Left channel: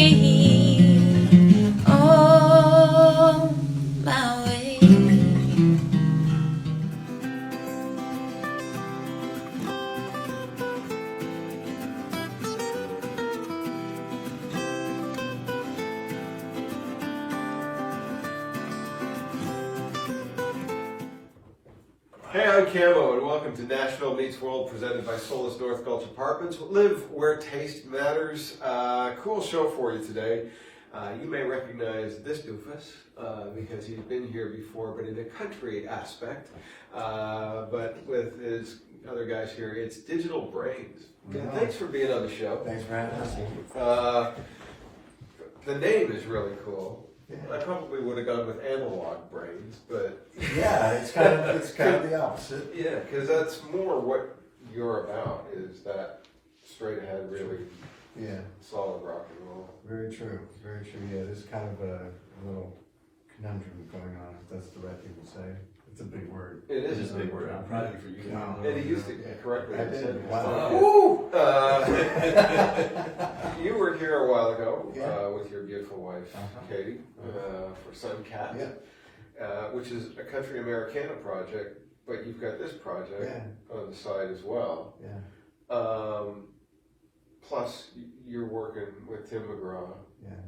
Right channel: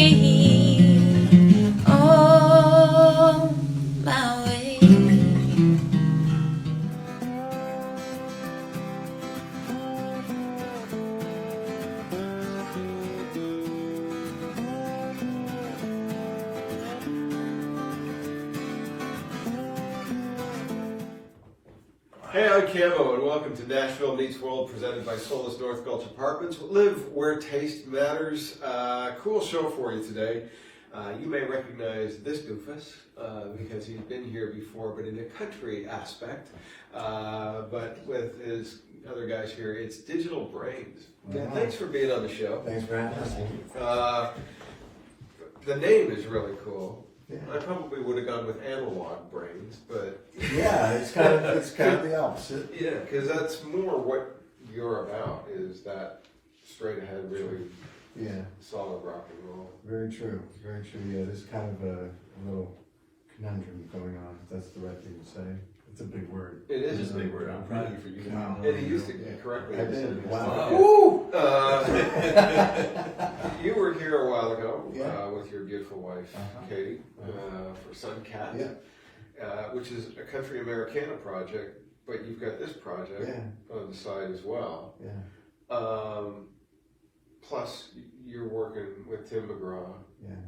on my way. Hey, I'm Camo, and welcome to Nashville Meets World, presented by North Gulch Apartments. Live where taste matters. Cool show for you today. You may recognize this doofus because he's been here before, but in a country aspect. But with his other guys here, it's Digital Brains. Wow. Thanks for being on the show. Thanks for having us. The name is really cool. Yeah. I probably would have gone with Analog Brains, but Yeah, it's kind of the opposite. yeah, because that's more what you're about, is that straight ahead, really Yeah, solid rock and roll. very true. Very true. Yeah, there's kind of a little conundrum going on, if that's the right thing to say. It's a big word. It It is is a big word. I'm proud of you for using Wow. it. And he used it correctly. I did. Wow. Woo! You were here a while ago Yeah. with your beautiful wife, Katie, for Sunkat, which is a country Americana project, but you've got this project on the side as well. Yeah. Plus, you're working with Tim McGraw. Yeah.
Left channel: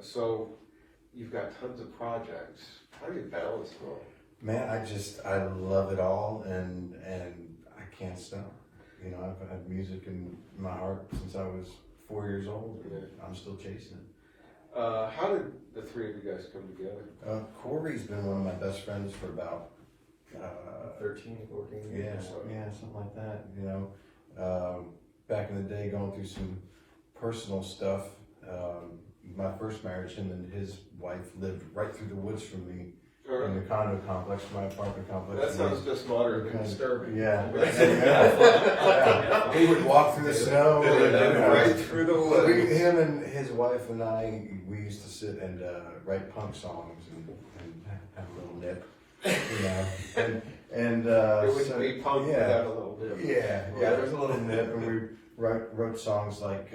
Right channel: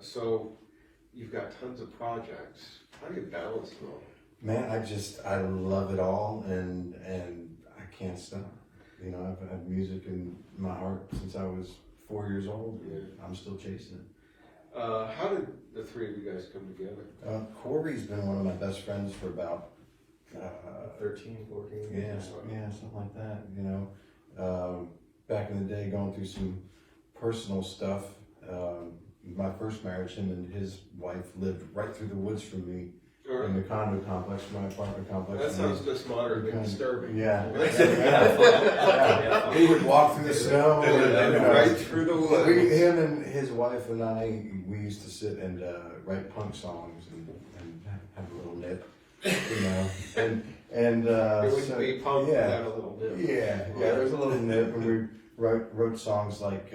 So you've got tons of projects. How do you balance it all? Man, I love it all, and I can't stop. You know, I've had music in my heart since I was 4 years old. And I'm still chasing it. How did the three of you guys come together? Corey's been one of my best friends for about 13, 14 yeah, years. something like that. You know, back in the day, going through some personal stuff. My first marriage, him and his wife lived right through the woods from me in the condo complex, my apartment complex. That sounds just moderate and disturbing. Yeah. He would walk through the snow. Right through the woods. Him and his wife and I, we used to sit and write punk songs and have a little nip, you know. And It would so, be punk without a little bit. yeah, there was a little nip, and we wrote songs like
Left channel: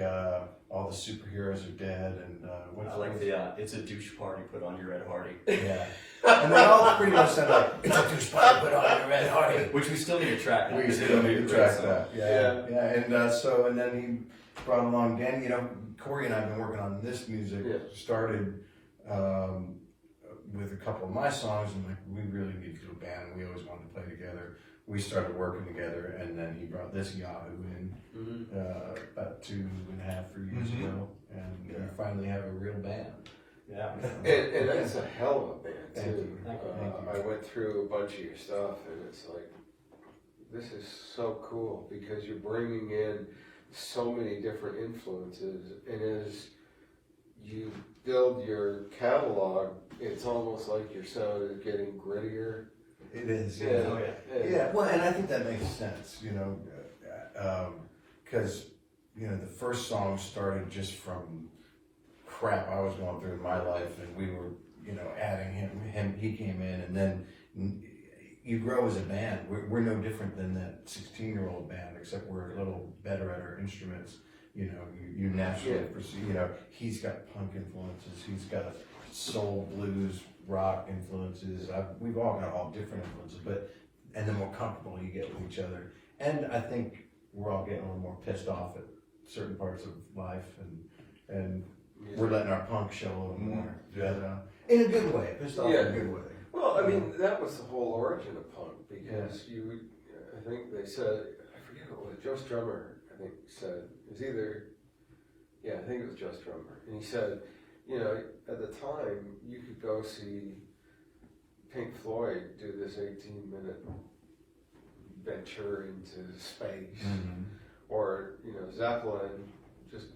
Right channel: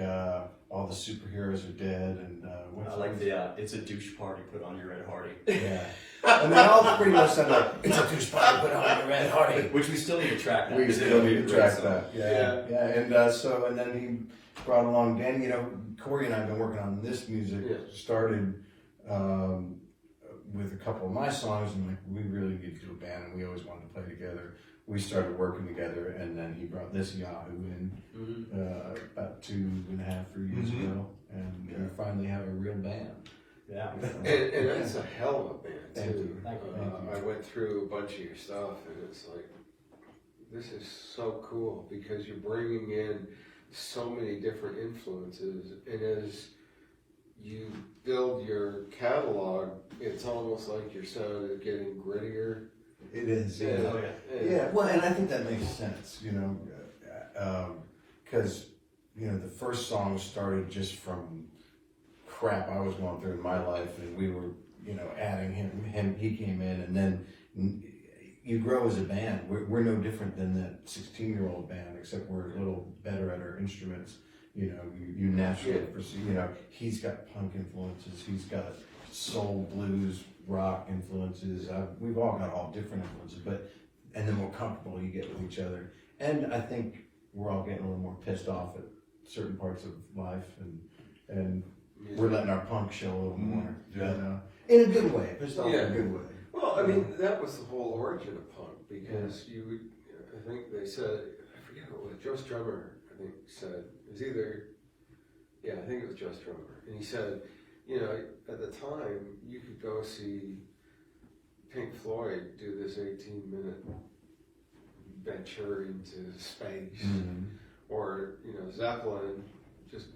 All the Superheroes Are Dead, and I like the It's a Douche Party, Put on Your Red Hardy. yeah. And they all pretty much sound like, it's a douche party, put on your red hardy. Which we still need to track that. We still need to track that. Yeah. And then he brought along Dan. You know, Corey and I have been working on this music. Started with a couple of my songs, and like, we really need to do a band. We always wanted to play together. We started working together, and then he brought this Yahoo in about 2.5, 3 years ago, and we finally have a real band. Yeah. And that's a hell of a band, Thank too. you. Thank you. I went through a bunch of your stuff, and it's like, this is so cool, because you're bringing in so many different influences, and as you build your catalog, it's almost like your sound is getting grittier. It is. Yeah. Well, and I think that makes sense, you know, because, you know, the first song started just from crap I was going through in my life, and we were, you know, adding him, he came in, and then you grow as a band. We're no different than that 16-year-old band, except we're a little better at our instruments. You know, you naturally pursue, you know, he's got punk influences, he's got soul, blues, rock influences. We've all got all different influences, and the more comfortable you get with each other. And I think we're all getting a little more pissed off at certain parts of life, and we're letting our punk show a little more. In a good way. Pissed off in a good way. Well, I mean, that was the whole origin of punk, because I think they said, I forget what it was, Joe Strummer, I think, said, it was either, I think it was Joe Strummer, and he said, you know, at the time, you could go see Pink Floyd do this 18-minute venture into space, or, you know, Zeppelin just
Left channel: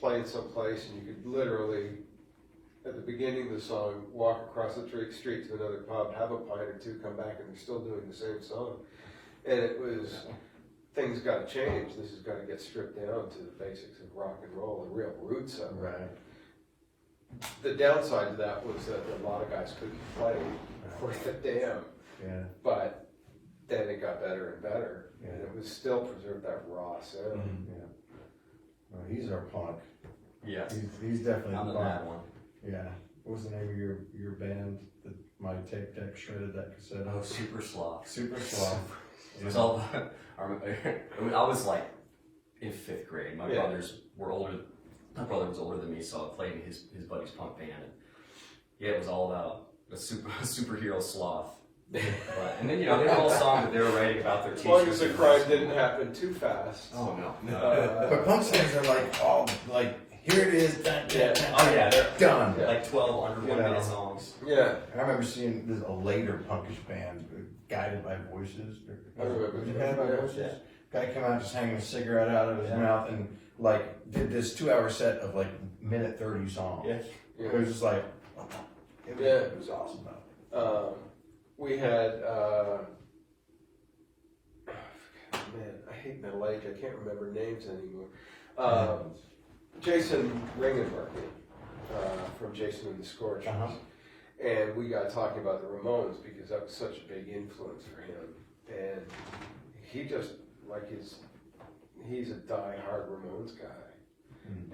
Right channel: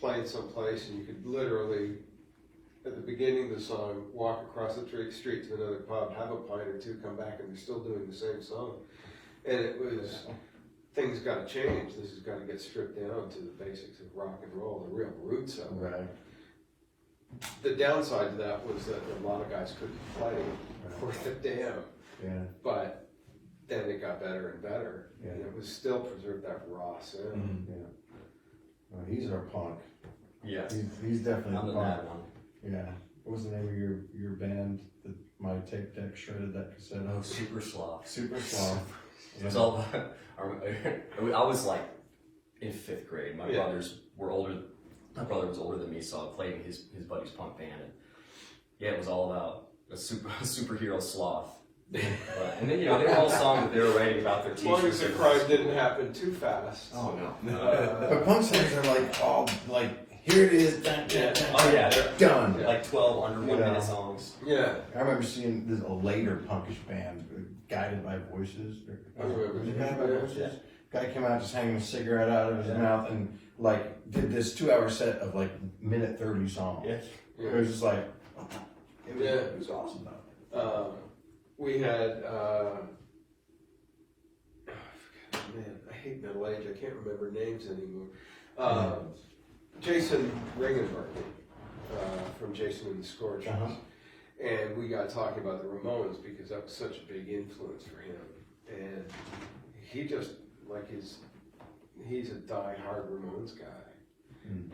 playing someplace, and you could literally, at the beginning of the song, walk across the street to another pub, have a pint or two, come back, and they're still doing the same song. And it was, things got to change. This has got to get stripped down to the basics of rock and roll, the real roots of it. Right. The downside to that was that a lot of guys couldn't play worth a damn. Yeah. But then it got better and better, and it was still preserved that raw sound. He's our punk. Yeah. He's definitely I'm the fun. mad one. Yeah. What was the name of your band that my tape deck shredded that cassette? Oh, Super Sloth. Super Sloth. It was all about, I was like in 5th grade. My brothers were older. My brother was older than me, so I played in his buddy's punk band. And yeah, it was all about a superhero sloth. And then, you know, they were all songs that they were writing about their As long as teachers. the crime didn't happen too fast. Oh, no. But punk songs are like all like here it is. Oh, yeah, they're done. like 12 under 1 minute songs. Yeah. I remember seeing this a later punkish band, Guided by Voices. Was it Guided by Voices? Yeah. Guy came out just hanging a cigarette out of his mouth and like did this 2-hour set of like minute 30 songs. Yeah. It was just like, it was Yeah. awesome though. We had, man, I hate middle age. I can't remember names anymore. Jason Ringenberg from Jason and the Scorchers. And we got talking about the Ramones because that was such a big influence for him. And he just, like he's a die-hard Ramones guy.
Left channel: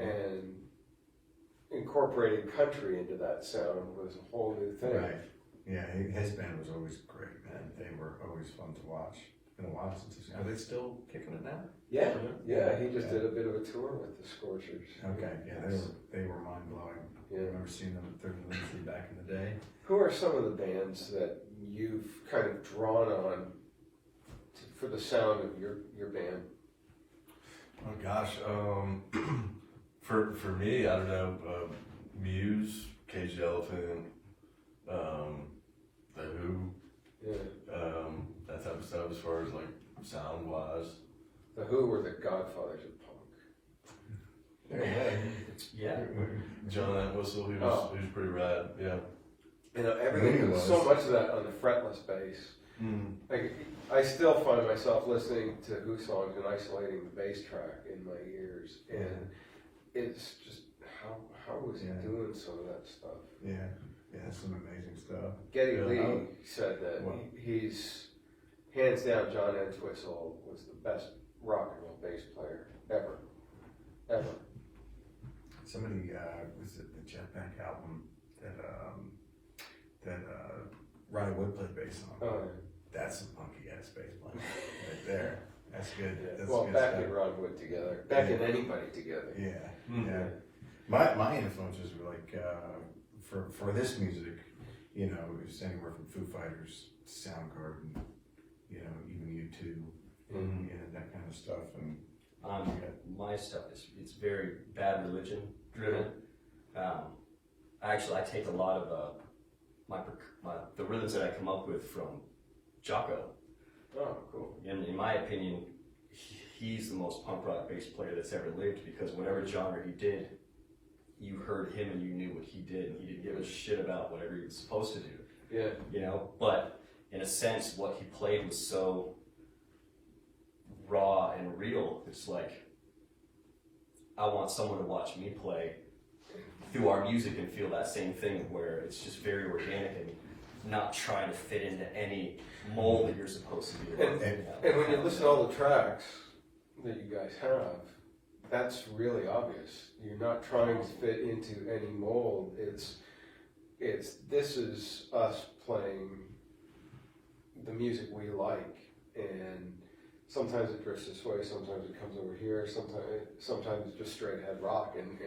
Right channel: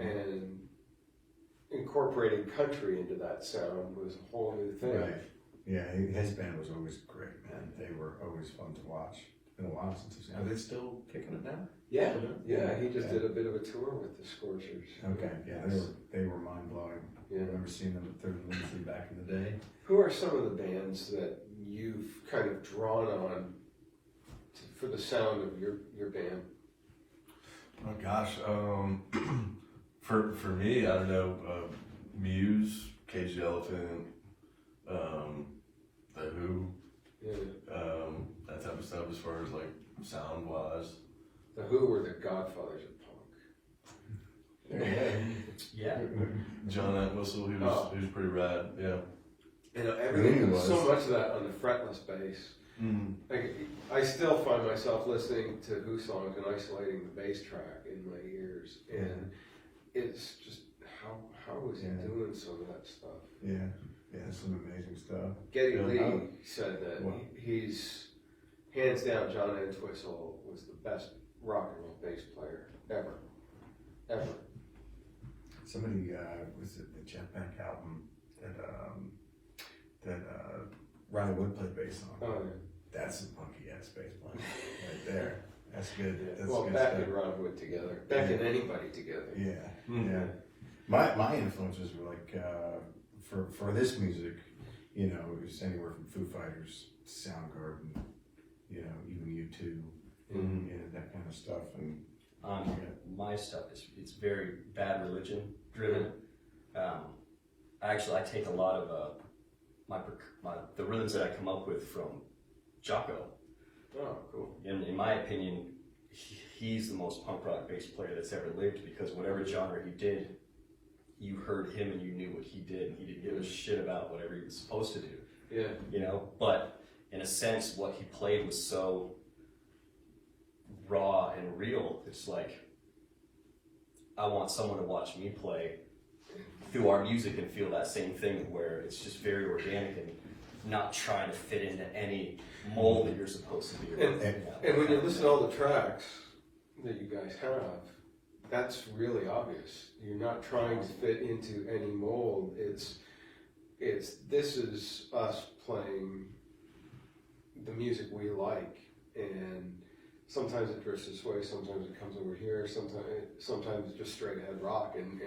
And incorporating country into that sound was a whole new thing. Right. Yeah, his band was always great, man. They were always fun to watch. It's been a while since he's. Are they still kicking it now? Yeah, he just did a bit of a tour with the Scorchers. Okay, yeah, they were mind blowing. I remember seeing them at Third and Liberty back in the day. Who are some of the bands that you've kind of drawn on for the sound of your band? Oh gosh, for me, I don't know, Muse, Cage the Elephant, The Who, that type of stuff as far as like sound wise. The Who were the godfathers of punk. Yeah. John Entwistle, he was pretty rad, yeah. You know, everything, so much of that on the fretless bass. Like, I still find myself listening to Who songs and isolating the bass track in my ears, and it's just how was he doing some of that stuff? Yeah, some amazing stuff. Geddy Lee said that he's hands down. John Entwistle was the best rock and roll bass player ever. Somebody was it the Jetpack album that Ronnie Wood played bass on. Oh, That's a punky ass bass player right there. That's good. That's well, good Beck stuff. and Ron Wood together. Beck and anybody together. Yeah. My influences were like for this music, you know, it's anywhere from Foo Fighters, Soundgarden, you know, even U2, that kind of stuff. And my stuff it's very Bad Religion driven. Actually, I take a lot of the rhythms that I come up with from Jocko. Oh, cool. And in my opinion, he's the most punk rock bass player that's ever lived because whatever genre he did, you heard him and you knew what he did, and he didn't give a shit about whatever he was supposed to do. Yeah. You know, but in a sense, what he played was so raw and real. It's like, I want someone to watch me play through our music and feel that same thing where it's just very organic and not trying to fit into any mold that you're supposed to be. And when you listen to all the tracks that you guys have, that's really obvious. You're not trying to fit into any mold. It's this is us playing the music we like, and sometimes it drifts this way, sometimes it comes over here, sometimes it's just straight ahead rock, and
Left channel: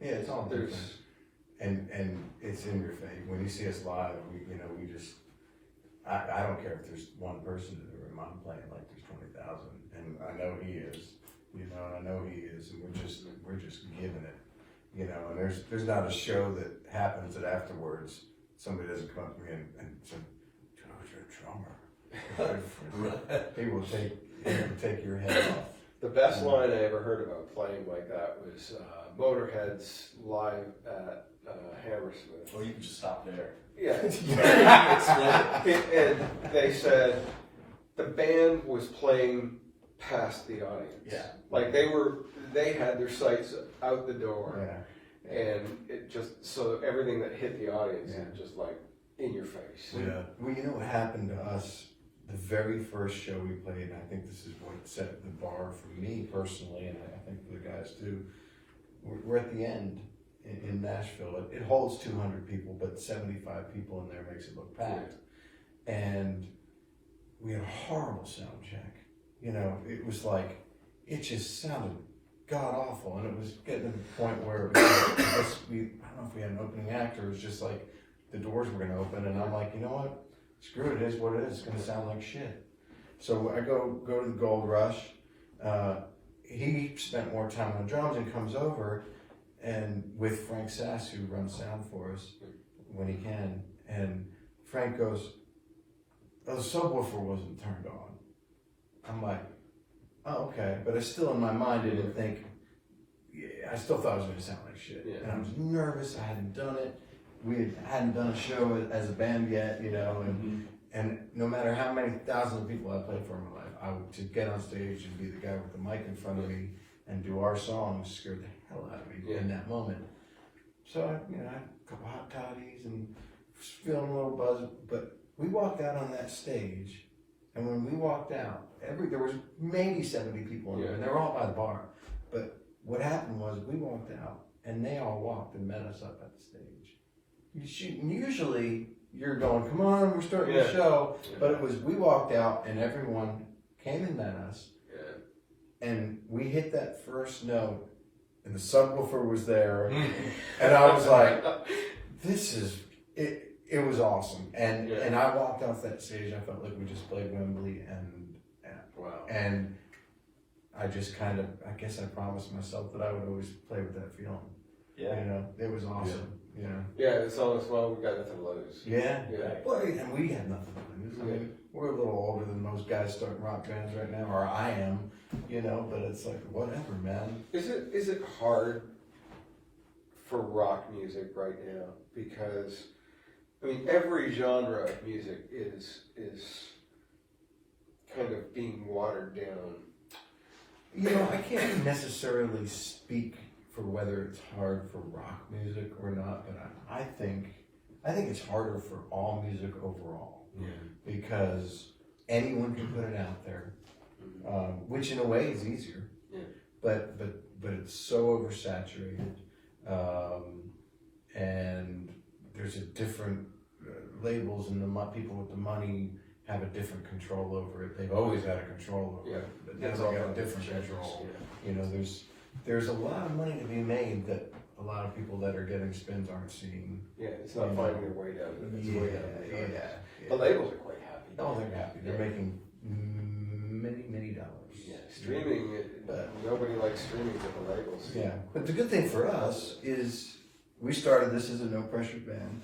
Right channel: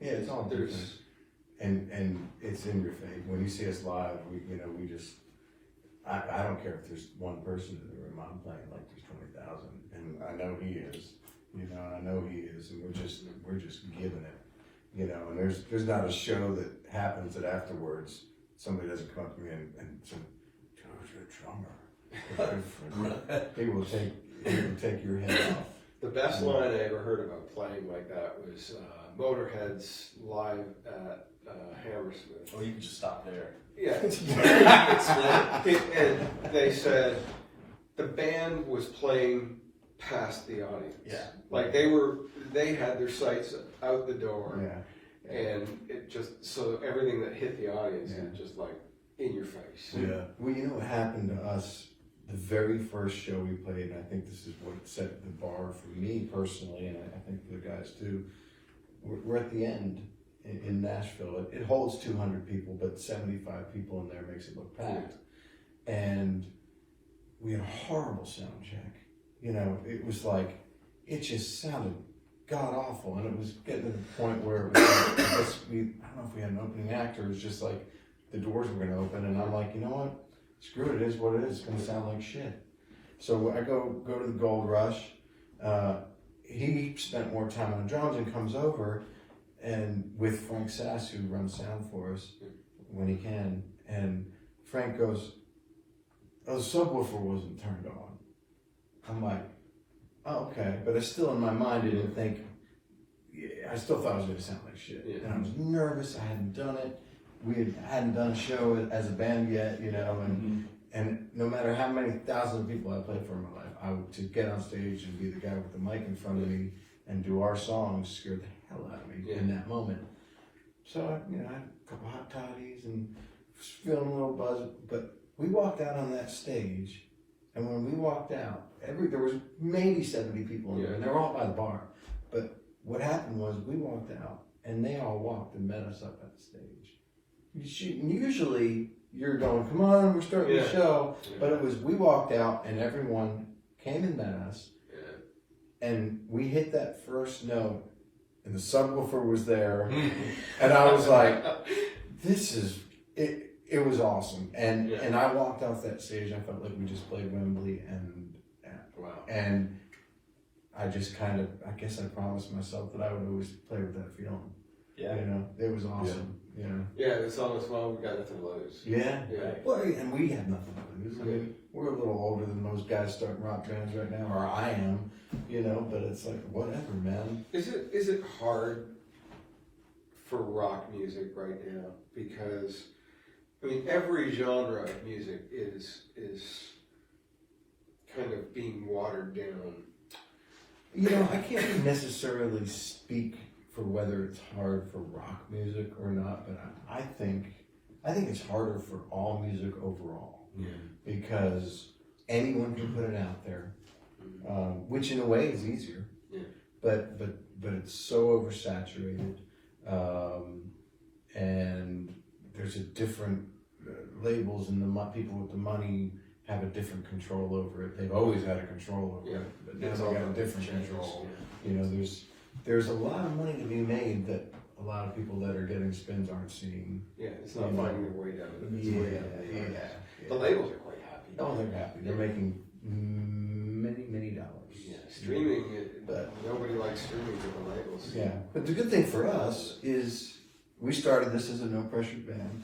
it's all there's different. And it's in your face. When you see us live, we just I don't care if there's one person in the room. I'm playing like there's 20,000, and I know he is. And we're just giving it. And there's not a show that happens that afterwards somebody doesn't come up to me and say, "Joe's your drummer." He will take your head off. the best line I ever heard about playing like that was Motorhead's live at Hammersmith. Or you can just stop there. Yeah. And they said the band was playing past the audience. Yeah. Like they had their sights out the door. Yeah. And it just, so everything that hit the audience is just like in your face. Yeah. Well, you know what happened to us the very first show we played, and I think this is what set the bar for me personally, and I think for the guys too. we're at the end in Nashville. It holds 200 people, but 75 people in there makes it look packed. And we had a horrible sound check. You know, it was like, it just sounded god awful, and it was getting to the point where it was like, I don't know if we had an opening act, or it was just like the doors were going to open, and I'm like, you know what? Screw it, it is what it is. It's going to sound like shit. So I go to the Gold Rush. He spent more time on the drums and comes over, and with Frank Sass, who runs sound for us when he can, and Frank goes, "Oh, the subwoofer wasn't turned on." I'm like, "Oh, okay," but I still in my mind didn't think. Yeah, I still thought it was going to sound like shit, and I was nervous. I hadn't done it. We hadn't done a show as a band yet, you know, and no matter how many thousands of people I played for in my life, to get on stage and be the guy with the mic in front of me and do our songs scared the hell out of me in that moment. So I had a couple hot toddies and was feeling a little buzzed, but we walked out on that stage, and when we walked out, there was maybe 70 people in there, and they were all by the bar. But what happened was we walked out, and they all walked and met us up at the stage. Usually you're going, "Come on, we're starting the show," but it was we walked out, and everyone came and met us, and we hit that first note, and the subwoofer was there, and I was like, "This is it." It was awesome, and I walked off that stage. I felt like we just played Wembley, and I just kind of, I guess I promised myself that I would always play with that feeling. Yeah, you know, it was awesome. It's almost, well, we got nothing to lose. Well, and we had nothing to lose. I mean, we're a little older than most guys starting rock bands right now, or I am, you know. But it's like, whatever, man. Is it hard for rock music right now? Because I mean, every genre of music is kind of being watered down. You know, I can't necessarily speak for whether it's hard for rock music or not, but I think it's harder for all music overall, because anyone can put it out there, which in a way is easier, but it's so oversaturated, and there's a different labels, and the people with the money have a different control over it. They've always had a control over it, but now they got a different control. You know, there's a lot of money to be made that a lot of people that are getting spins aren't seeing. Yeah, it's not finding their way down. Yeah. The labels are quite happy. Oh, they're happy. They're making many dollars. Yeah, streaming, but nobody likes streaming with the labels. Yeah, but the good thing for us is we started this as a no pressure band.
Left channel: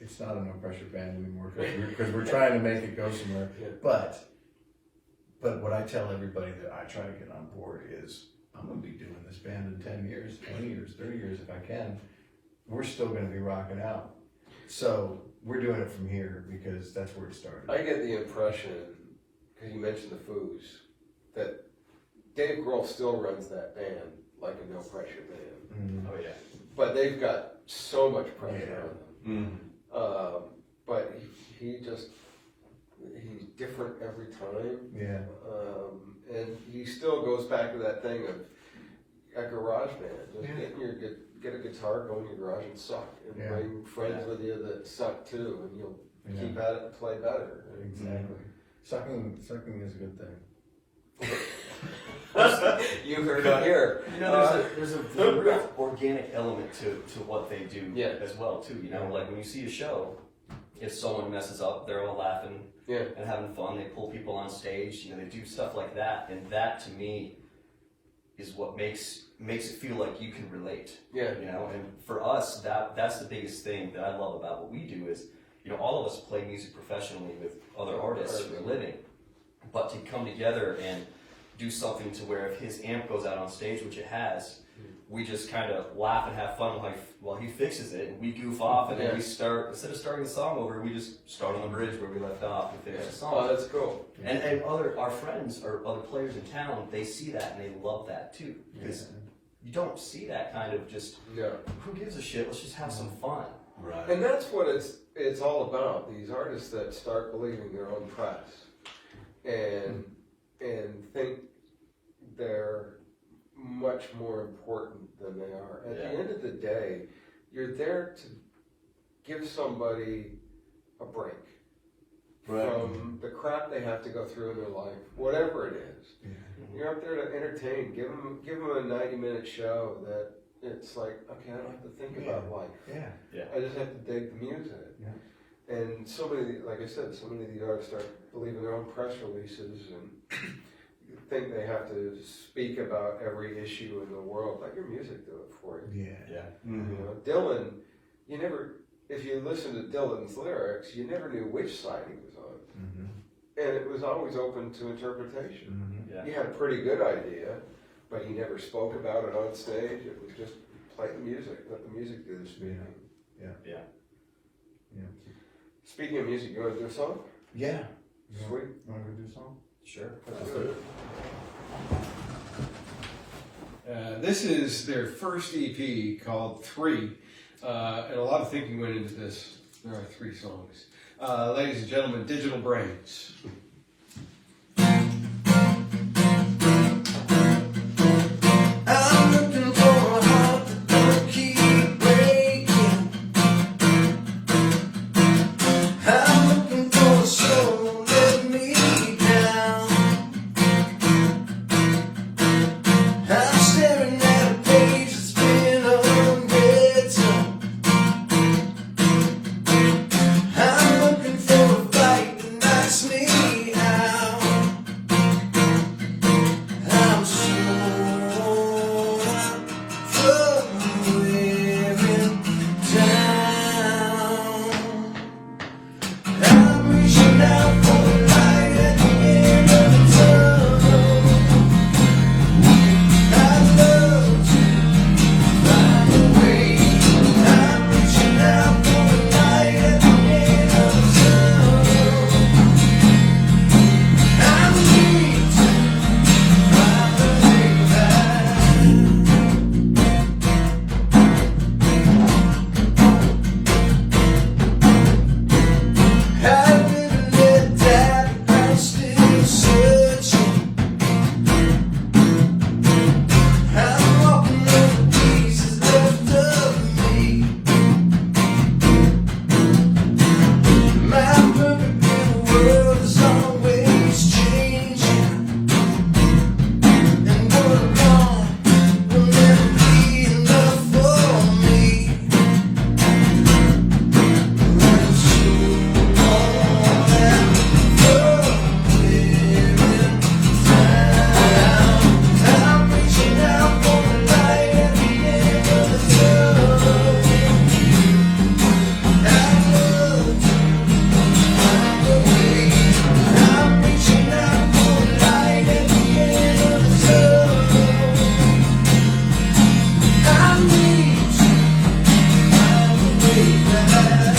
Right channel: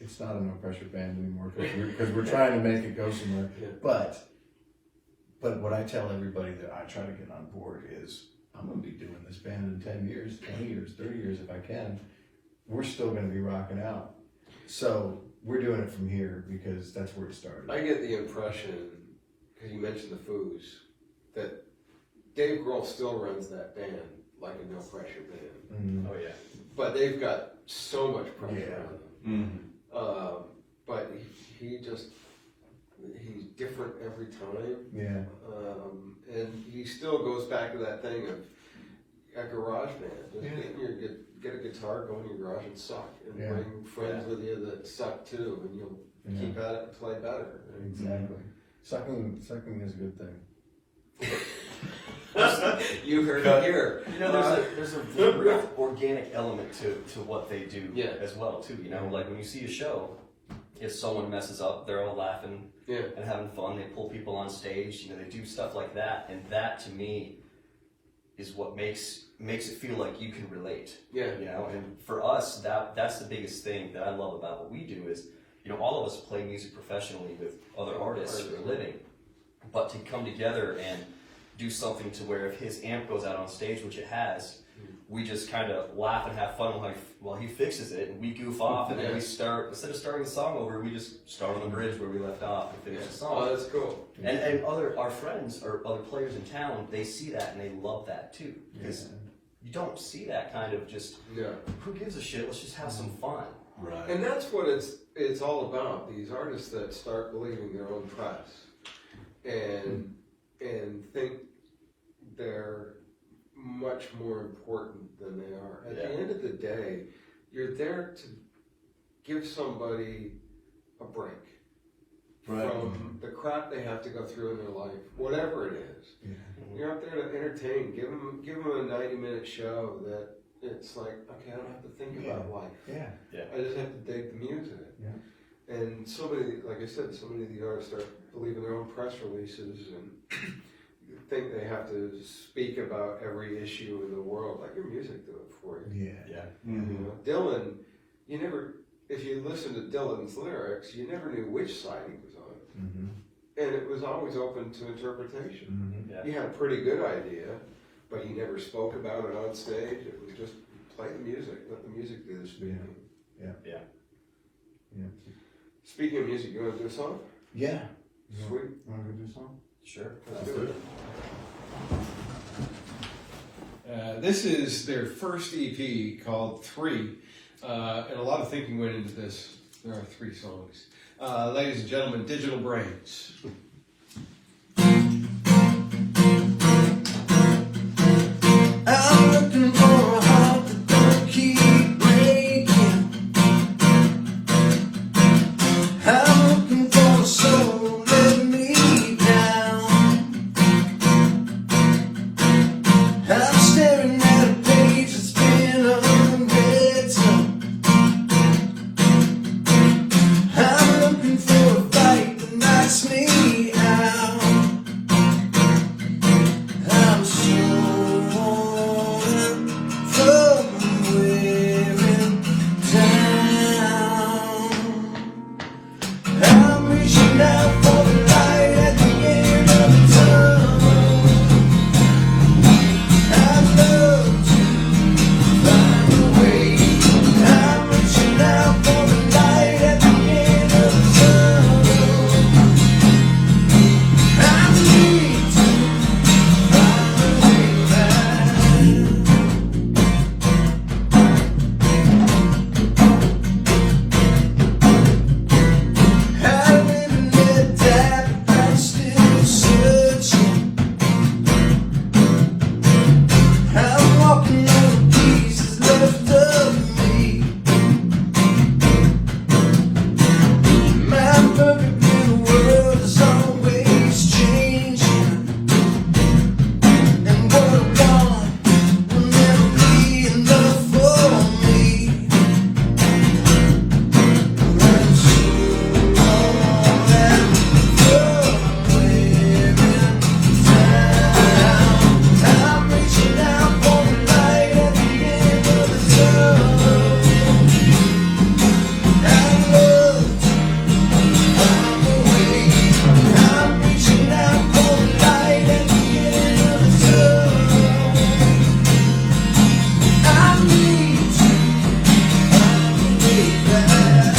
It's not a no pressure band anymore because we're trying to make it go somewhere. But what I tell everybody that I try to get on board is, I'm going to be doing this band in 10 years, 20 years, 30 years if I can. We're still going to be rocking out. So we're doing it from here because that's where it started. I get the impression, because you mentioned the Foos, that Dave Grohl still runs that band like a no pressure band. Oh yeah. But they've got so much pressure on them. But he's different every time. And he still goes back to that thing of a garage band. Just get a guitar, go in your garage and suck, and bring friends with you that suck too, and you'll keep at it and play better. Exactly. Sucking is a good thing. You heard it here. You know, there's a real organic element to what they do as well too. You know, like when you see a show, if someone messes up, they're all laughing and having fun. They pull people on stage. You know, they do stuff like that, and that to me is what makes it feel like you can relate. You know, and for us, that's the biggest thing that I love about what we do is, you know, all of us play music professionally with other artists for a living, but to come together and do something to where if his amp goes out on stage, which it has, we just kind of laugh and have fun while he fixes it, and we goof off, and then we start, instead of starting the song over, we just start on the bridge where we left off and finish the song. Oh, that's cool. And our friends or other players in town, they see that and they love that too, because you don't see that kind of just, who gives a shit, let's just have some fun. Right. And that's what it's all about, these artists that start believing their own press and think they're much more important than they are. At Yeah. the end of the day, you're there to give somebody a break from the crap they have to go through in their life, whatever it is. Yeah. You're out there to entertain. Give them a 90-minute show that it's like, okay, I don't have to think about life. Yeah. I just have to dig the music. Yeah. And so many, like I said, so many of the artists start believing their own press releases and think they have to speak about every issue in the world. Let your music do it for you. Yeah. Yeah. You know, Dylan, you never, if you listen to Dylan's lyrics, you never knew which side he was on. Mm-hmm. And it was always open to interpretation. Mm-hmm. Yeah. He had a pretty good idea, but he never spoke about it on stage. It was just play the music, let the music do the speaking. Yeah. Speaking of music, you want to do a song? Yeah. Sweet. Want to do something? Sure. Let's do it. This is their first EP called 3, and a lot of thinking went into this. There are 3 songs. Ladies and gentlemen, Digital Brains. I'm looking for a heart that don't keep breaking. I'm looking for a soul let me down. I'm staring at a page that's been unwritten. I'm looking for a fight that knocks me out. I'm so from wearing down. I'm reaching out for the light at the end of the tunnel. I'd love to find a way. I'm reaching out for the light at the end of the tunnel. I need to find a way back. Having let that, I'm still searching. I'm walking on the pieces left of me. My perfect little world is always changing. And what I want will never be enough for me. I'm so worn out from wearing down. I'm reaching out for the light at the end of the tunnel. I love to find a way. I'm reaching out for the light at the end of the tunnel. I need to find a way back.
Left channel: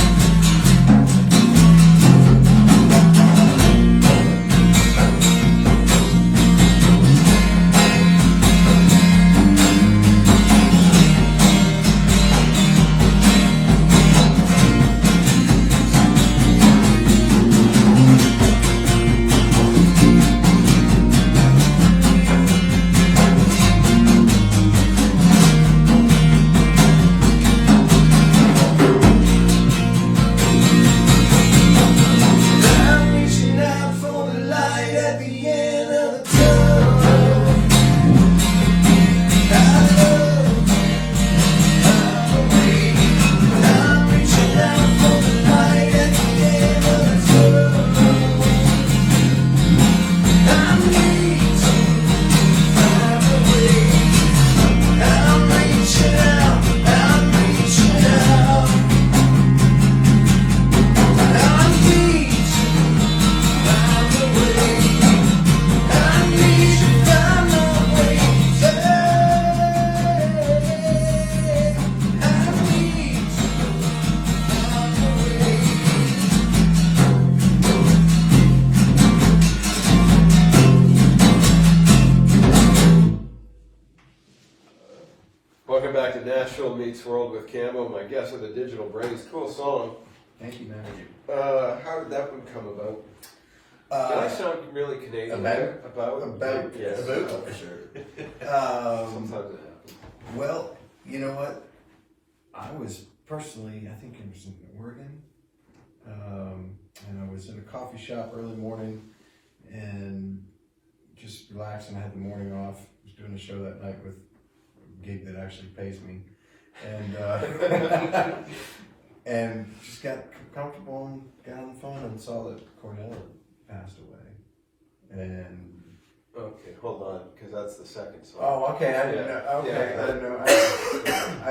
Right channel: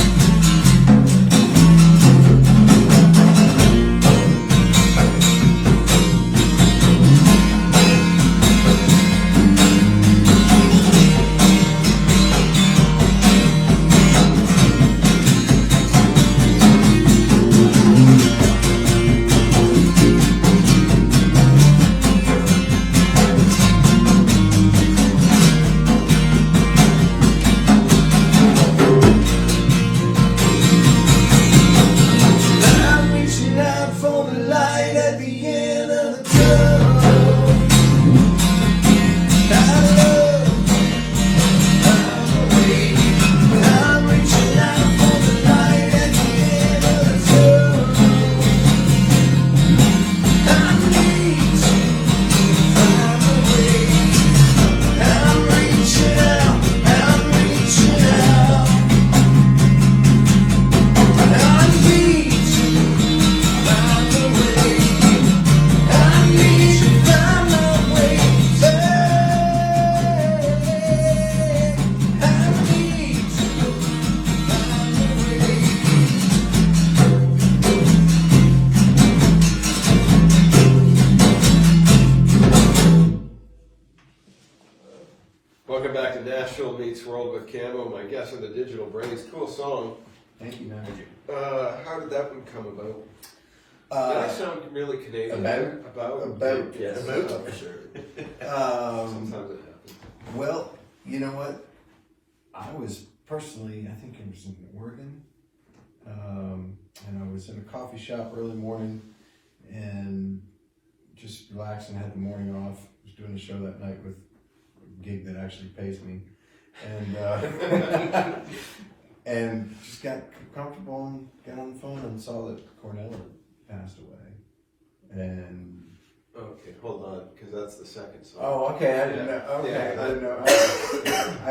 I'm reaching out for the light at the end of the tunnel. I love to find a way. I'm reaching out for the light at the end of the tunnel. I need to find a way. I'm reaching out. I'm reaching out. I need to find a way. I need to find a way. I need to find a way. Welcome back to Nashville Meets World with Camo. My guests are the Digital Brains. Cool song. Thank you, man. How did that one come about? Did I sound really Canadian? About? there? About? About. Yes. About. For sure. Sometimes it happens. Well, you know what? I was personally, I think it was in Oregon, and I was in a coffee shop early morning and just relaxing, had the morning off. Was doing a show that night with a gig that actually pays me, and and just got comfortable and got on the phone and saw that Cornell had passed away, and. Okay, hold on, because that's the second song. Oh, okay. I didn't know. Okay, Yeah. I didn't know. I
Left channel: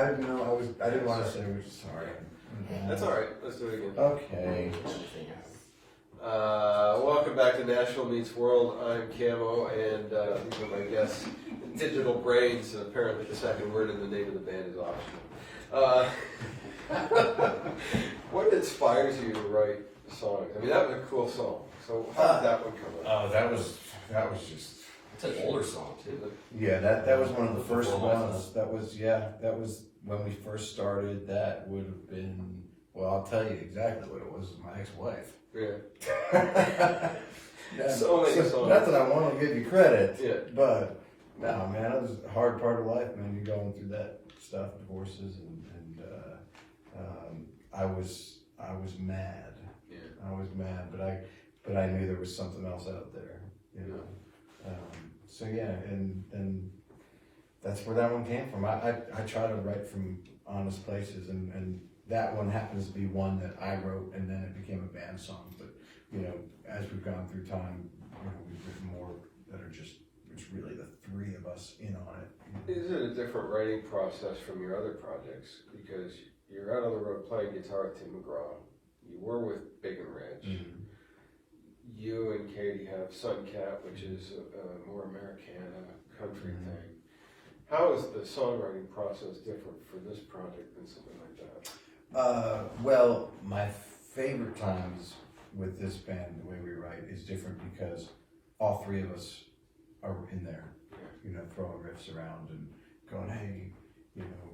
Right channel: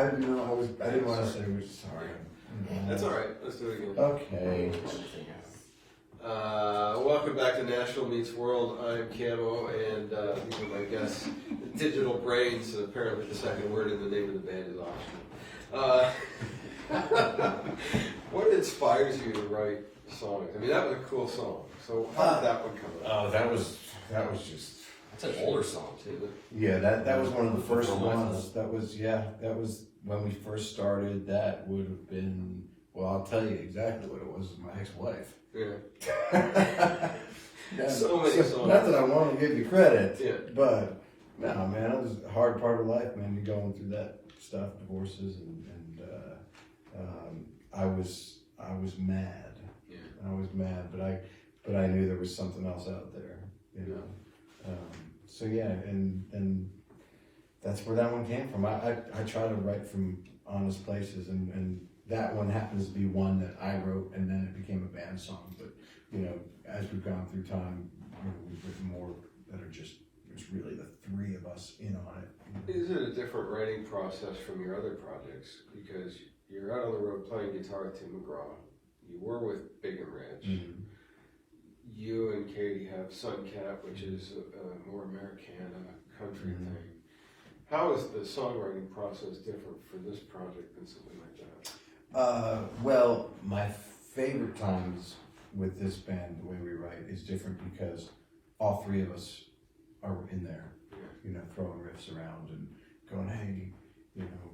didn't know. I didn't want to say which. Sorry. That's all right. Let's do it again. Okay. Welcome back to Nashville Meets World. I'm Camo, and these are my guests, Digital Brains. And apparently, the second word in the name of the band is optional. What inspires you to write songs? I mean, that was a cool song. So, how did that one come out? Oh, that was just. It's an older song too. Yeah, that was one of the first ones. That was when we first started. That would have been. Well, I'll tell you exactly what it was. My ex-wife. Yeah. So many songs. Not that I want to give you credit, Yeah. but no, man, it was a hard part of life, man. You're going through that stuff, divorces, and I was mad. Yeah. I was mad, but I knew there was something else out there, you know. So yeah, and that's where that one came from. I try to write from honest places, and that one happens to be one that I wrote, and then it became a band song. But you know, as we've gone through time, you know, we've written more that are just it's really the three of us in on it. Is it a different writing process from your other projects? Because you're out on the road playing guitar with Tim McGraw. You were with Big and Rich. Mm-hmm. You and Katie have Sunkat, which is a more Americana country thing. How is the songwriting process different for this project than something like that? Well, my favorite times with this band, the way we write, is different because all three of us are in there, you know, throwing riffs around and going, hey, you know,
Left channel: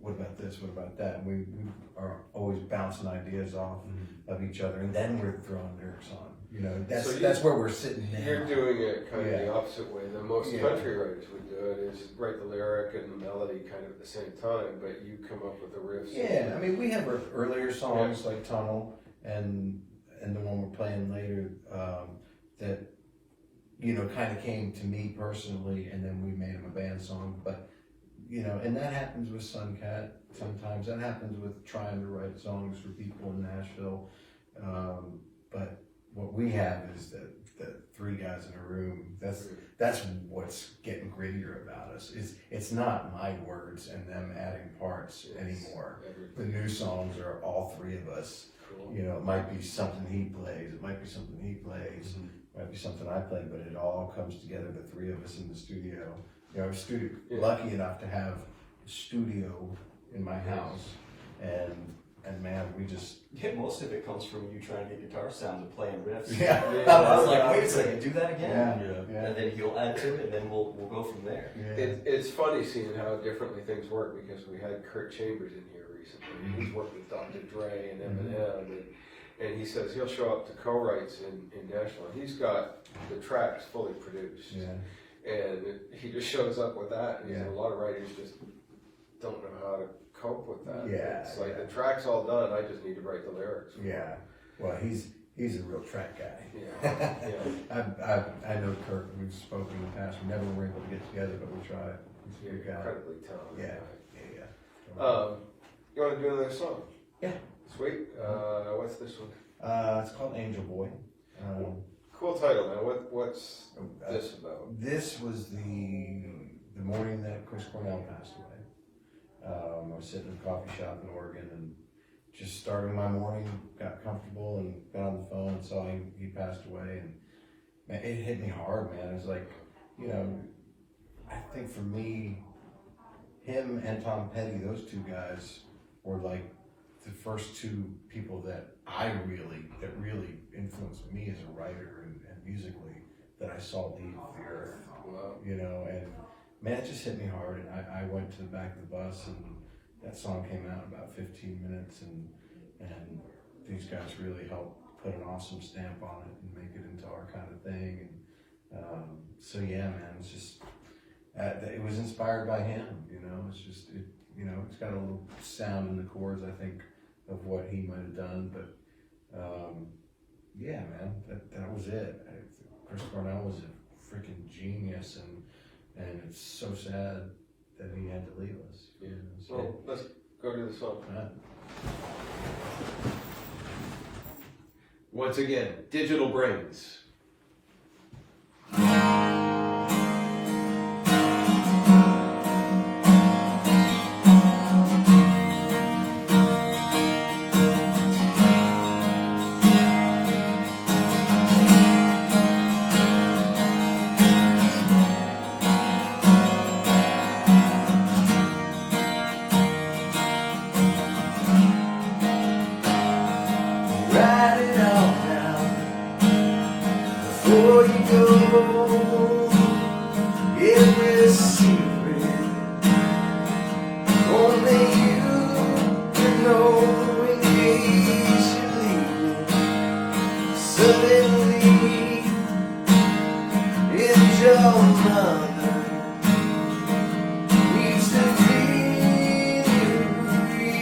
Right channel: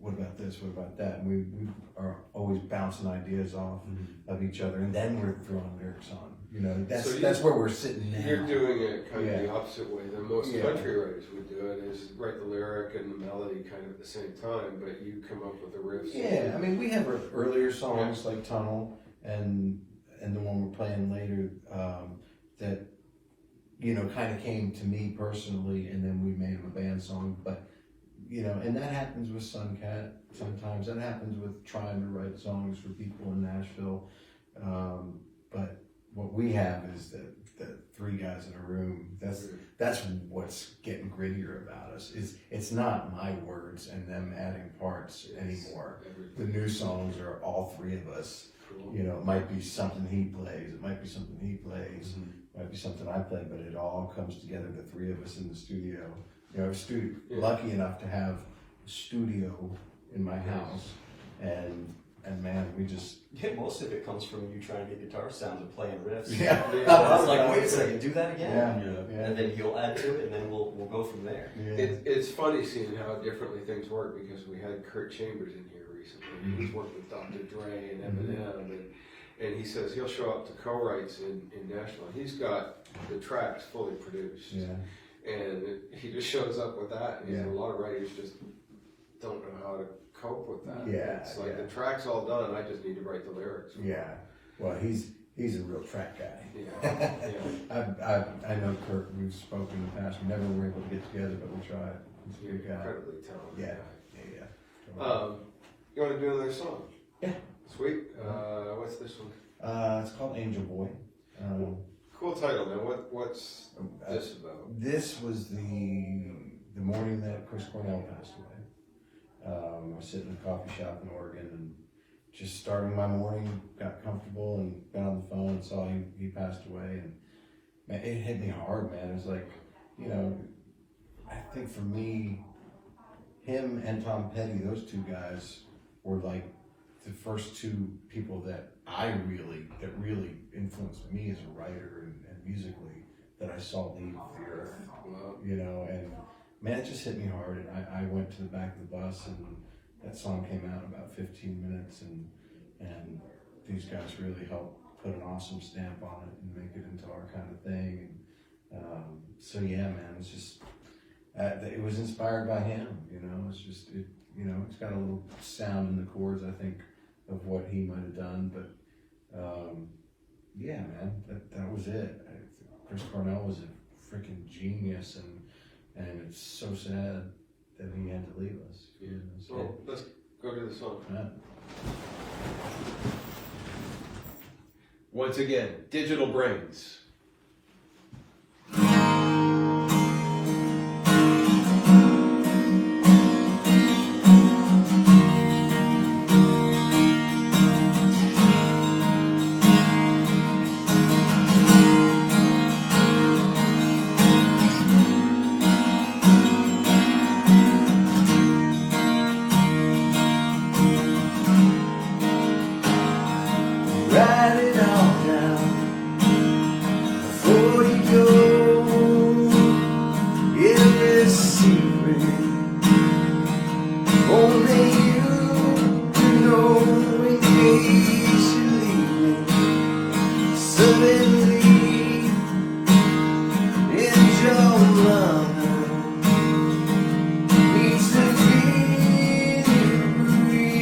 what about this, what about that? And we are always bouncing ideas off of each other, and then we're throwing lyrics on. You know, that's where we're sitting now. You're doing it kind of the opposite way than most Yeah. country writers would do it, is write the lyric and the melody kind of at the same time, but you come up with the riffs. Yeah, I mean, we have earlier songs like Tunnel and the one we're playing later that, you know, kind of came to me personally, and then we made them a band song. But, you know, and that happens with Sunkat sometimes. That happens with trying to write songs for people in Nashville. But what we have is the three guys in a room. That's what's getting grittier about us. It's not my words and them adding parts anymore. The new songs are all three of us. Cool. You know, it might be something he plays, it might be something he plays, it might be something I play, but it all comes together, the three of us in the studio. You know, lucky enough to have a studio in my house, and man, we just... Yeah, most of it comes from you trying to get guitar sounds and playing riffs. Yeah. I was like, wait a second, do that again? Yeah. And then he'll add to it, and then we'll go from there. It's funny seeing how differently things work, because we had Kurt Chambers in here recently. He's worked with Dr. Dre and Eminem, and he says he'll show up to co-writes in Nashville. He's got the tracks fully produced, and he just shows up with that. And a lot of writers just don't know how to cope with that. It's like the track's all done. I just need to write the lyrics. Yeah. Well, he's a real track guy. Yeah. I know Kurt. We've spoken in the past. We never were able to get together, but we tried. He's a good guy. Incredibly talented. Yeah. You want to do another song? Yeah. Sweet. What's this one? It's called Angel Boy. Cool title, man. What's this about? This was the morning that Chris Cornell passed away. I was sitting in a coffee shop in Oregon and just starting my morning, got comfortable and got on the phone and saw he passed away, and man, it hit me hard, man. It was like, you know, I think for me, him and Tom Petty, those two guys were like the first two people that really influenced me as a writer and musically, that I saw leave the earth. You know, and man, it just hit me hard, and I went to the back of the bus, and that song came out in about 15 minutes, and these guys really helped put an awesome stamp on it and make it into our kind of thing. And so yeah, man, it's just, it was inspired by him, you know, it's just, it's got a little sound in the chords, I think, of what he might have done, but, yeah, man, that was it. Chris Cornell was a freaking genius, and it's so sad that he had to leave us. You know, so, Well, let's go to the song. Once again, Digital Brains. Write it all down before you go. Every secret only you can know. In case you leave me suddenly, and your mother needs to hear you breathe.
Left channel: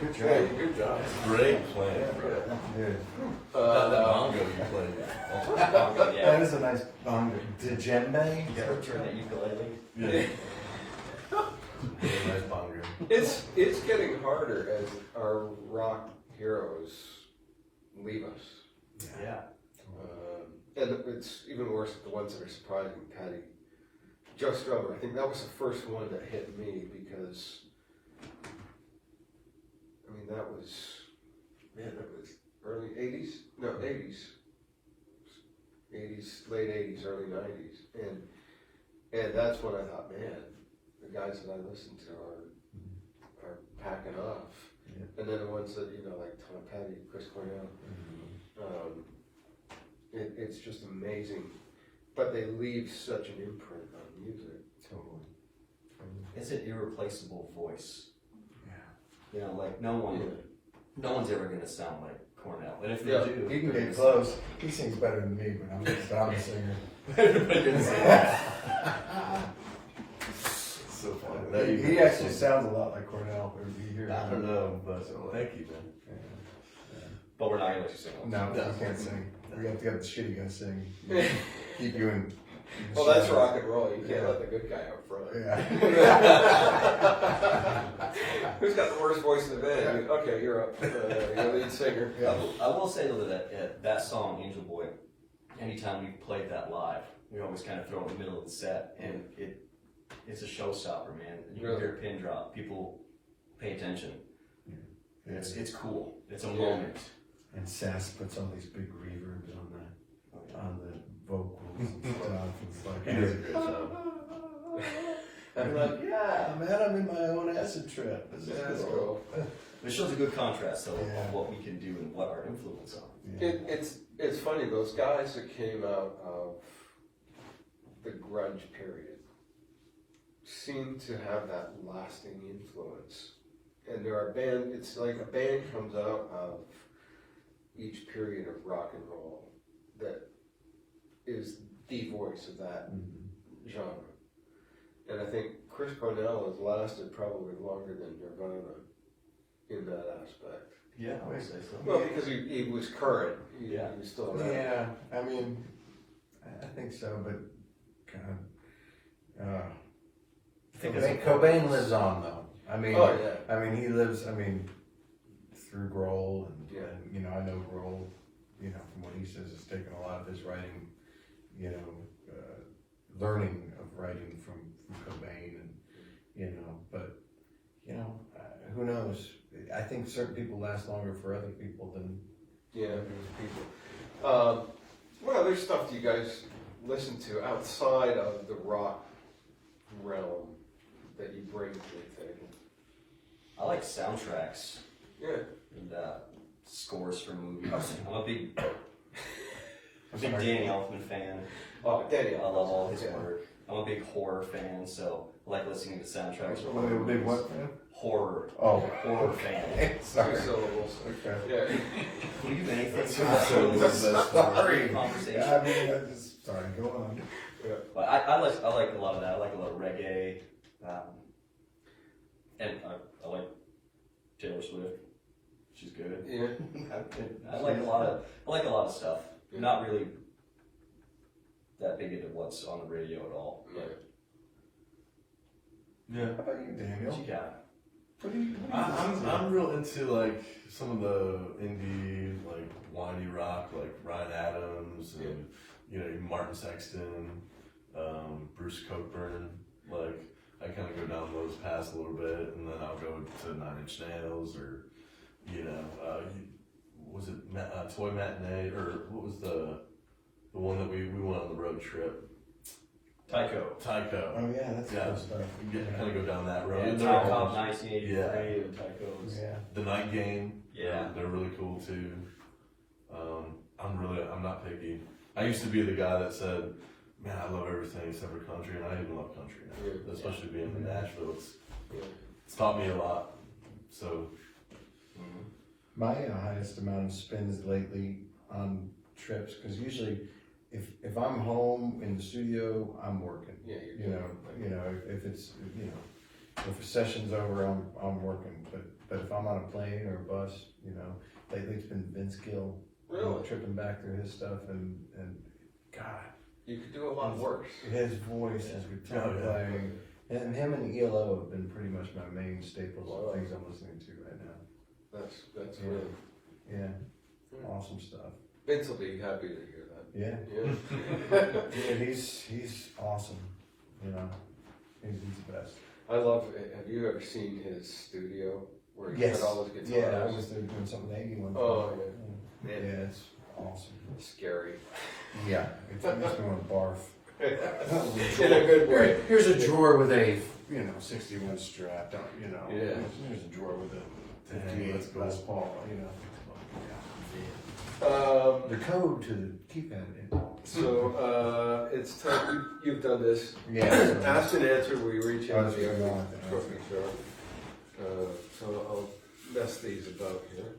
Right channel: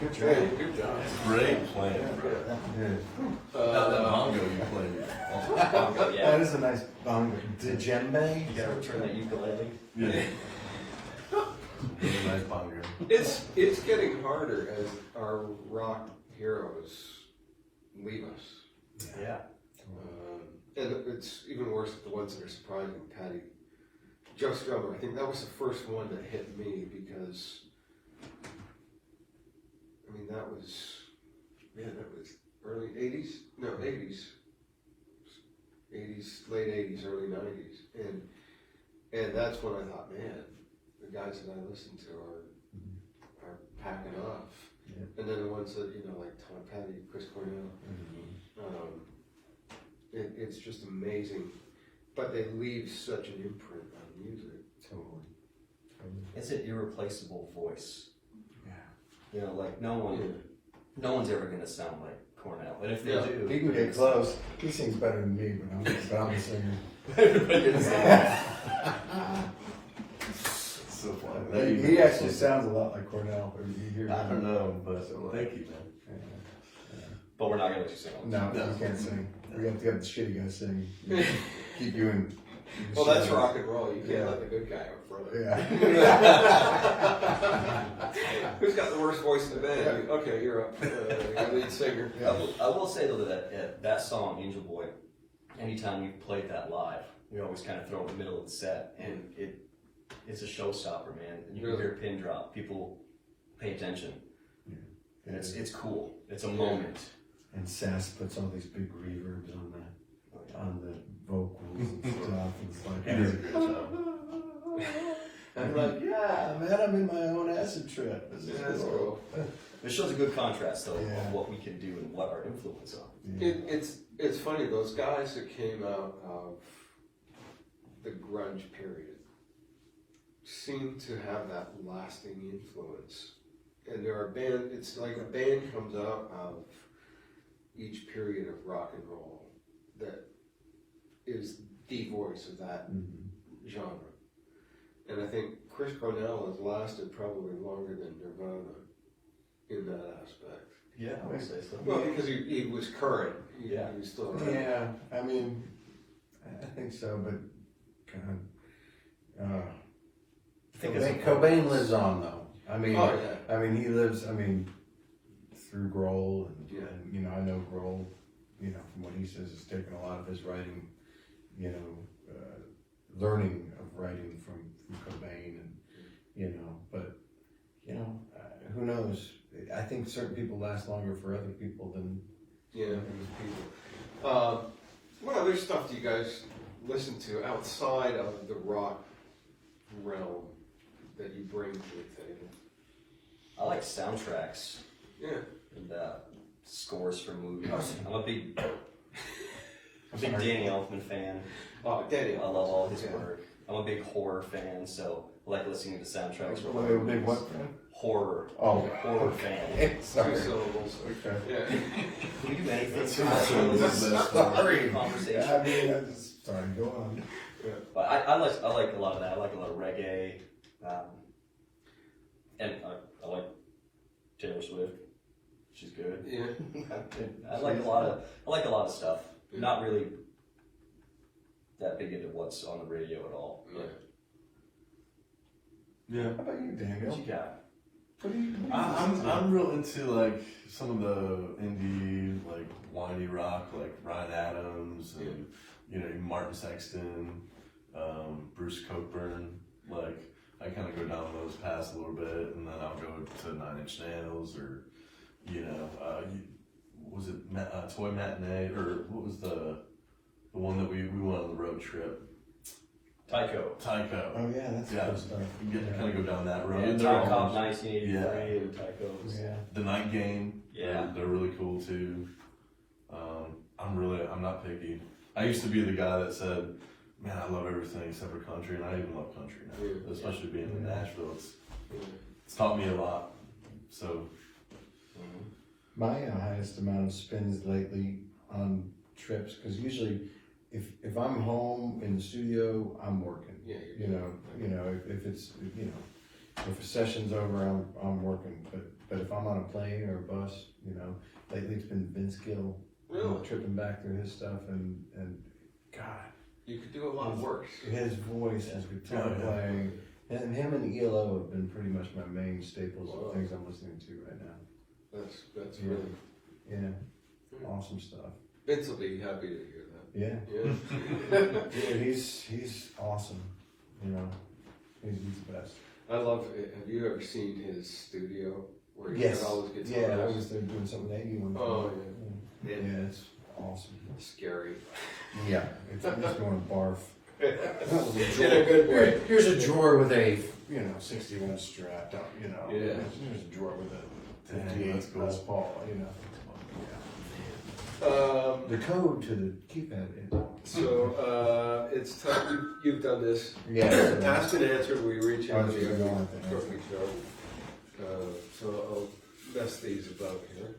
Good job. Good job. Great playing, bro. That bongo you played. That is a nice bongo. Djembe? You gotta return that ukulele. Yeah. Really nice bongo. It's getting harder as our rock heroes leave us. Yeah. And it's even worse at the ones that are surprising. Patty, Joe Strummer, I think that was the first one that hit me because, I mean, that was early 80s? No, 80s. 80s, late 80s, early 90s. And that's when I thought, man, the guys that I listen to are packing off. Yeah. And then the ones that, you know, like Tom Petty, Chris Cornell. It's just amazing. But they leave such an imprint on music. Totally. It's an irreplaceable voice. Yeah. You know, like no one's ever gonna sound like Cornell, and if they Yeah. do, He can get close. He sings better than me, but I'm a singer. So funny. He actually sounds a lot like Cornell. But you hear I him. don't know, but thank you, man. but we're not gonna let you sing. No, you can't sing. We have to have the shitty guy sing. Keep you in. Well, that's rock and roll. You can't let the good guy up front. Yeah. Who's got the worst voice in the band? Okay, you're up. You're lead singer. I will say though that song Angel Boy, anytime we played that live, we always kind of throw it in the middle of the set, and it's a showstopper, man. You can hear a pin drop. People pay attention, and it's cool. It's a moment. And Sass puts all these big reverbs on the vocals and stuff. It's like, He does a great job. I'm like, yeah, man, I'm in my own acid trip. This is cool. It shows a good contrast though Yeah. of what we can do and what our influence are. It's funny, those guys that came out of the grunge period seem to have that lasting influence. And there are it's like a band comes out of each period of rock and roll that is the voice of that genre. And I think Chris Cornell has lasted probably longer than Nirvana in that aspect. Yeah, I would say so. Well, because he was current. He was still around. Yeah, I mean, I think so, but God, Cobain lives on though. I mean, he lives. I mean, through Grohl, and you know, I know Grohl. You know, from what he says, has taken a lot of his writing. You know, learning of writing from Cobain, and you know, but you know, who knows? I think certain people last longer for other people than people. What other stuff do you guys listen to outside of the rock realm that you bring to the table? I like soundtracks. Yeah. And scores for movies. I'm a big Danny Elfman fan. Oh, Danny. I love all his work. I'm a big horror fan, so I like listening to soundtracks. a big what fan? Horror. Oh, horror fan. Okay, sorry. 2 syllables. Okay. Yeah. Can you do anything? Sorry. Conversation. I mean, I just sorry. Go on. Yeah. But I like a lot of that. I like a lot of reggae, and I like Taylor Swift. She's good. Yeah. I like a lot of stuff. Yeah. Not really that big into what's on the radio at all. Yeah. Yeah. How about you, Daniel? What you got? I'm real into like some of the indie, like whiny rock, like Ryan Adams and you know Martin Sexton, Bruce Cockburn. Like I kind of go down those paths a little bit, and then I'll go to 9 Inch Nails or you know, was it Toy Matinee or what was the one that we went on the road trip? Tycho. Oh yeah, that's good stuff. You get to kind of go down that road. Yeah, And Top they're Cop almost- 1983 and Tycho's. Yeah. The Night Game. Yeah. They're really cool too. I'm not picky. I used to be the guy that said, man, I love everything except for country, and I even love country now. Yeah. Especially being in Nashville, it's taught me a lot. So, My highest amount of spins lately on trips, because usually if I'm home in the studio, I'm working. Yeah, You know, if it's if a session's over, I'm working. But if I'm on a plane or a bus, you know, lately it's been Vince Gill. Really? Tripping back through his stuff and God, You could do a lot worse. his voice, his guitar playing, and him and ELO have been pretty much my main staples of things I'm listening to right now. That's Yeah. really. Yeah, awesome stuff. Vince will be happy to hear that. Yeah, Yeah. yeah, he's awesome. You know, he's the best. I love it. Have you ever seen his studio where he's Yes. got all his guitars? Yeah, I was there doing something with Aggie one time. Oh, yeah, it's awesome. Scary. Yeah, it's going to barf. Yeah. Here's a drawer with a 61 strap. You know, Yeah. here's a drawer with a 58 That's cool. Les Paul, you know. The code to the keypad. So it's time. You've done this. Yeah. Ask and answer. We reach out That's to what you we want, I think. before we show. So I'll mess these about here.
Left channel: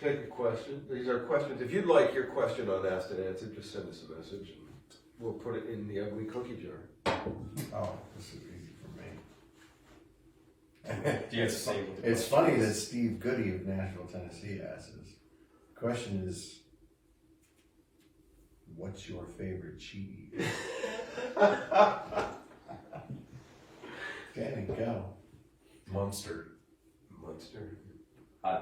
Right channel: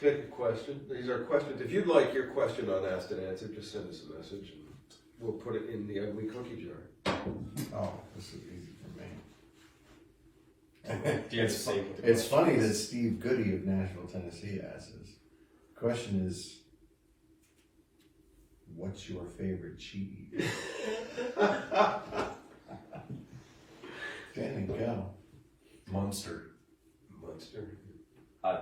Pick a question. These are questions. If you'd like your question on Ask and Answer, just send us a message and we'll put it in the ugly cookie jar. Oh, this is easy for me. Do you have the same? It's funny that Steve Goody of Nashville, Tennessee asks us. The question is, what's your favorite cheese? Danny, go. Munster. Monster. I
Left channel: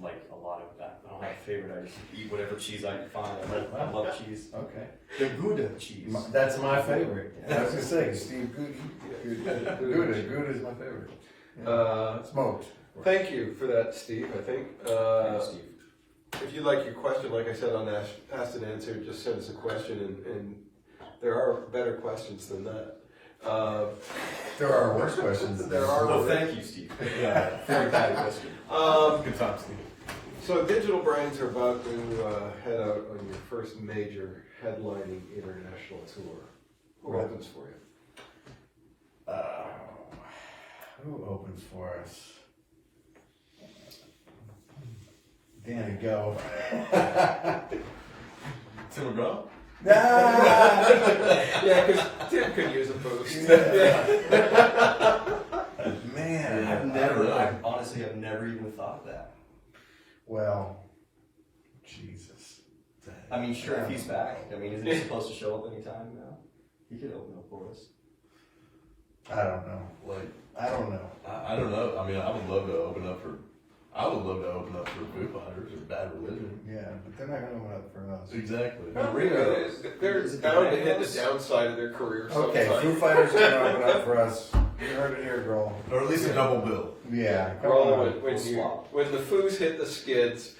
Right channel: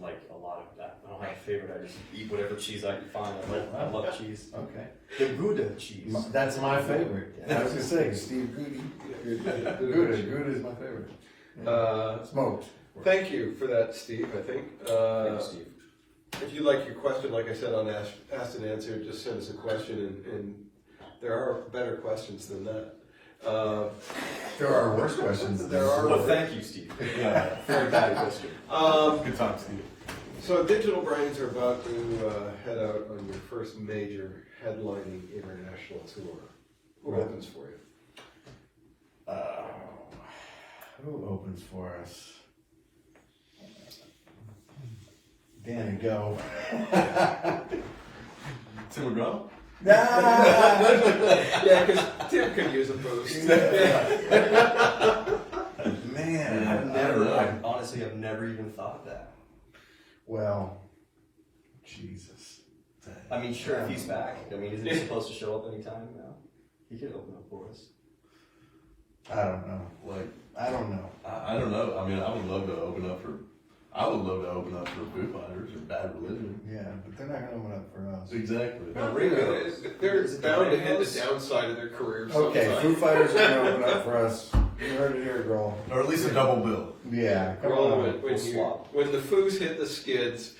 like a lot of that. I don't have a favorite. I just eat whatever cheese I can find. I love cheese. Okay. The Gouda cheese. That's my favorite. I was gonna say, Steve Goody. Gouda is my favorite. Yeah. Smoked. Thank you for that, Steve. I think. Thank you, Steve. If you'd like your question, like I said on Ask and Answer, just send us a question, and there are better questions than that. There are worse questions. There are. Well, thank you, Steve. Yeah, for that question. Good talk, Steve. So Digital Brains are about to head out on your first major headlining international tour. Who opens for you? Who opens for us? Danny, go. Tim McGraw? Yeah, because Tim can use a boost. Man, I honestly have never even thought of that. well, Jesus. I mean, sure, if he's back. I mean, isn't he supposed to show up anytime now? He could open up for us. I don't know. Like, I don't know. I don't know. I mean, I would love to open up for Foo Fighters or Bad Religion. Yeah, but they're not going to open up for us. Exactly. They're bound to hit the downside of their career. Okay, sometime. Foo Fighters are going to open up for us. You heard it here, girl. Or at least a double bill. Yeah, come Roll on. it. We'll swap. When the Foos hit the skids,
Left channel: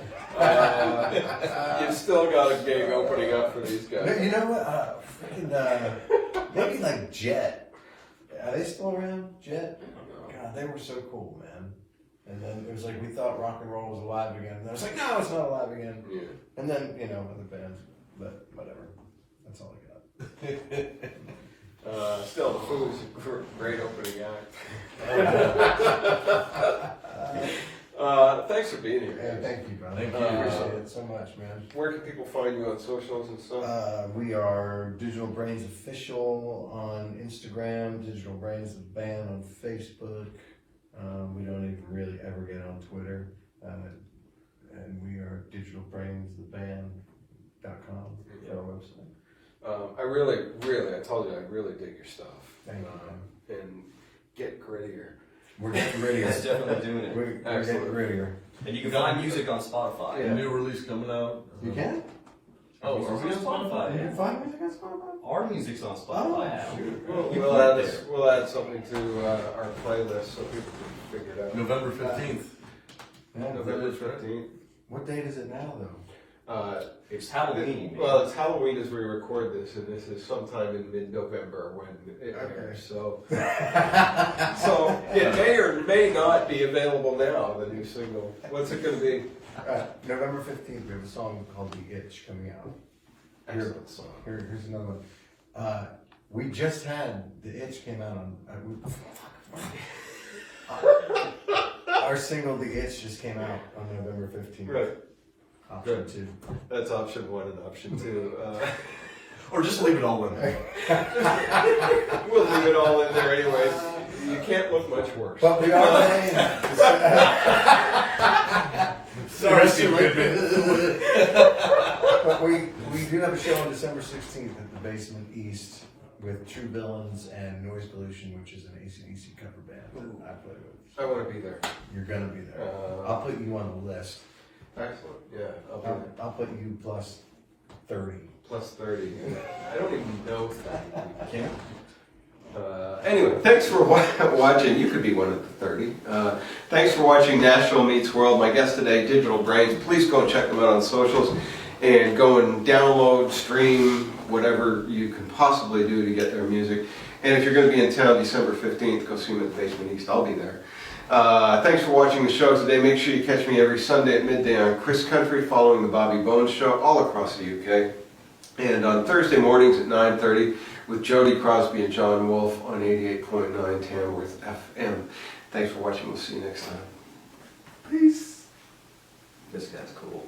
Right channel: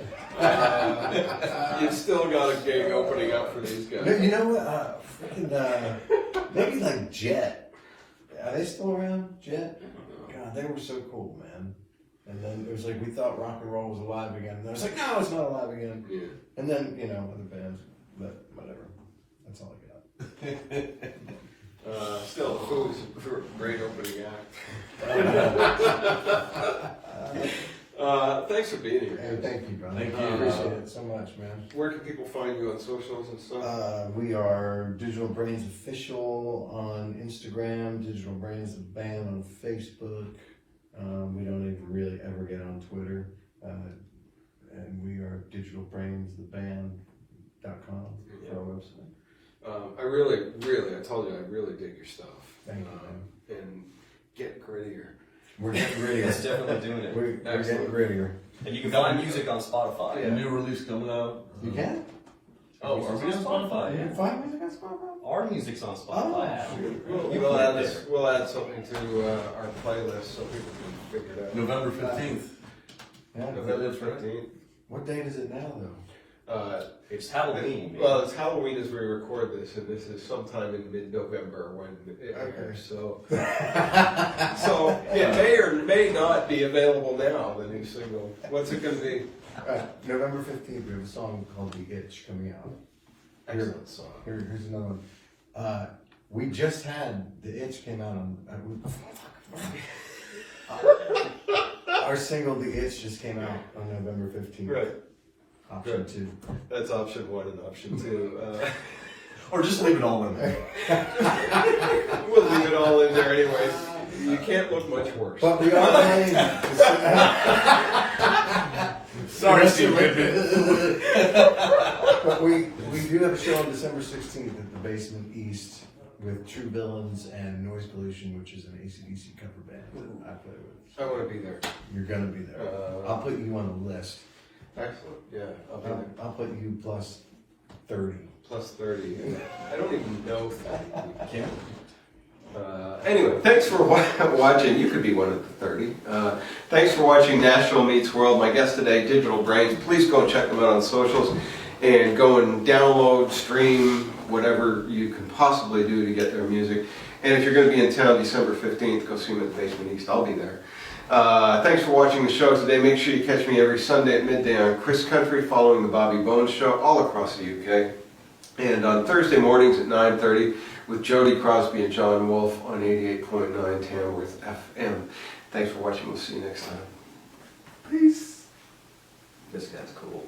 you've still got a gig opening up for these No, guys. you know what? Maybe like Jet. Are they still around? Jet? God, they were so cool, man. And then it was like we thought rock and roll was alive again. And it was like, no, it's not alive again. Yeah. And then, you know, other bands, but whatever. That's all I got. Still, the Foos are a great opening act. Thanks for being here. Hey, thank you, brother. Thank you. I appreciate it so much, man. Where can people find you on socials and stuff? We are Digital Brains Official on Instagram, Digital Brains the Band on Facebook. We don't even really ever get on Twitter. And we are digitalbrainstheband.com for our website. I told you, I really dig your stuff. Thank you, man. And get grittier. We're getting grittier. It's definitely doing it. We're getting grittier. And you can find music on Spotify. Yeah. New release coming out. You can? Oh, are we on Spotify? You Yeah. can find music on Spotify? Our music's on Spotify. actually. We'll add something to our playlist so people can figure it out. November 15th. Yeah. November 15th. What date is it now, though? It's Halloween. man. Well, it's Halloween as we record this, and this is sometime in mid-November when it airs. So it may or may not be available now, the new single. What's it going to be? November 15th, we have a song called The Itch coming out. Excellent song. Here's another one. We just had The Itch came out on. Our single The Itch just came out on November 15th. Right. Option 2. That's option 1 and option 2. Or just leave it all in there. We'll leave it all in there anyway. You can't look much worse. But we are playing. Sorry, Steve. But we do have a show on December 16th at the Basement East with True Villains and Noise Pollution, which is an AC/DC cover band that I play with. I want to be there. You're gonna be there. I'll put you on the list. Excellent. Yeah, I'll be there. I'll put you plus 30. Plus 30. I don't even know 30 people. Can't Anyway, thanks for watching. You could be one of the 30. Thanks for watching Nashville Meets World. My guest today, Digital Brains. Please go and check them out on socials and go and download, stream, whatever you can possibly do to get their music. And if you're going to be in town December 15th, go see them at the Basement East. I'll be there. Thanks for watching the show today. Make sure you catch me every Sunday at midday on Chris Country following the Bobby Bones Show all across the UK. And on Thursday mornings at 9:30 with Jody Crosby and John Wolfe on 88.9 Tamworth FM. Thanks for watching. We'll see you next time. Peace. This guy's cool.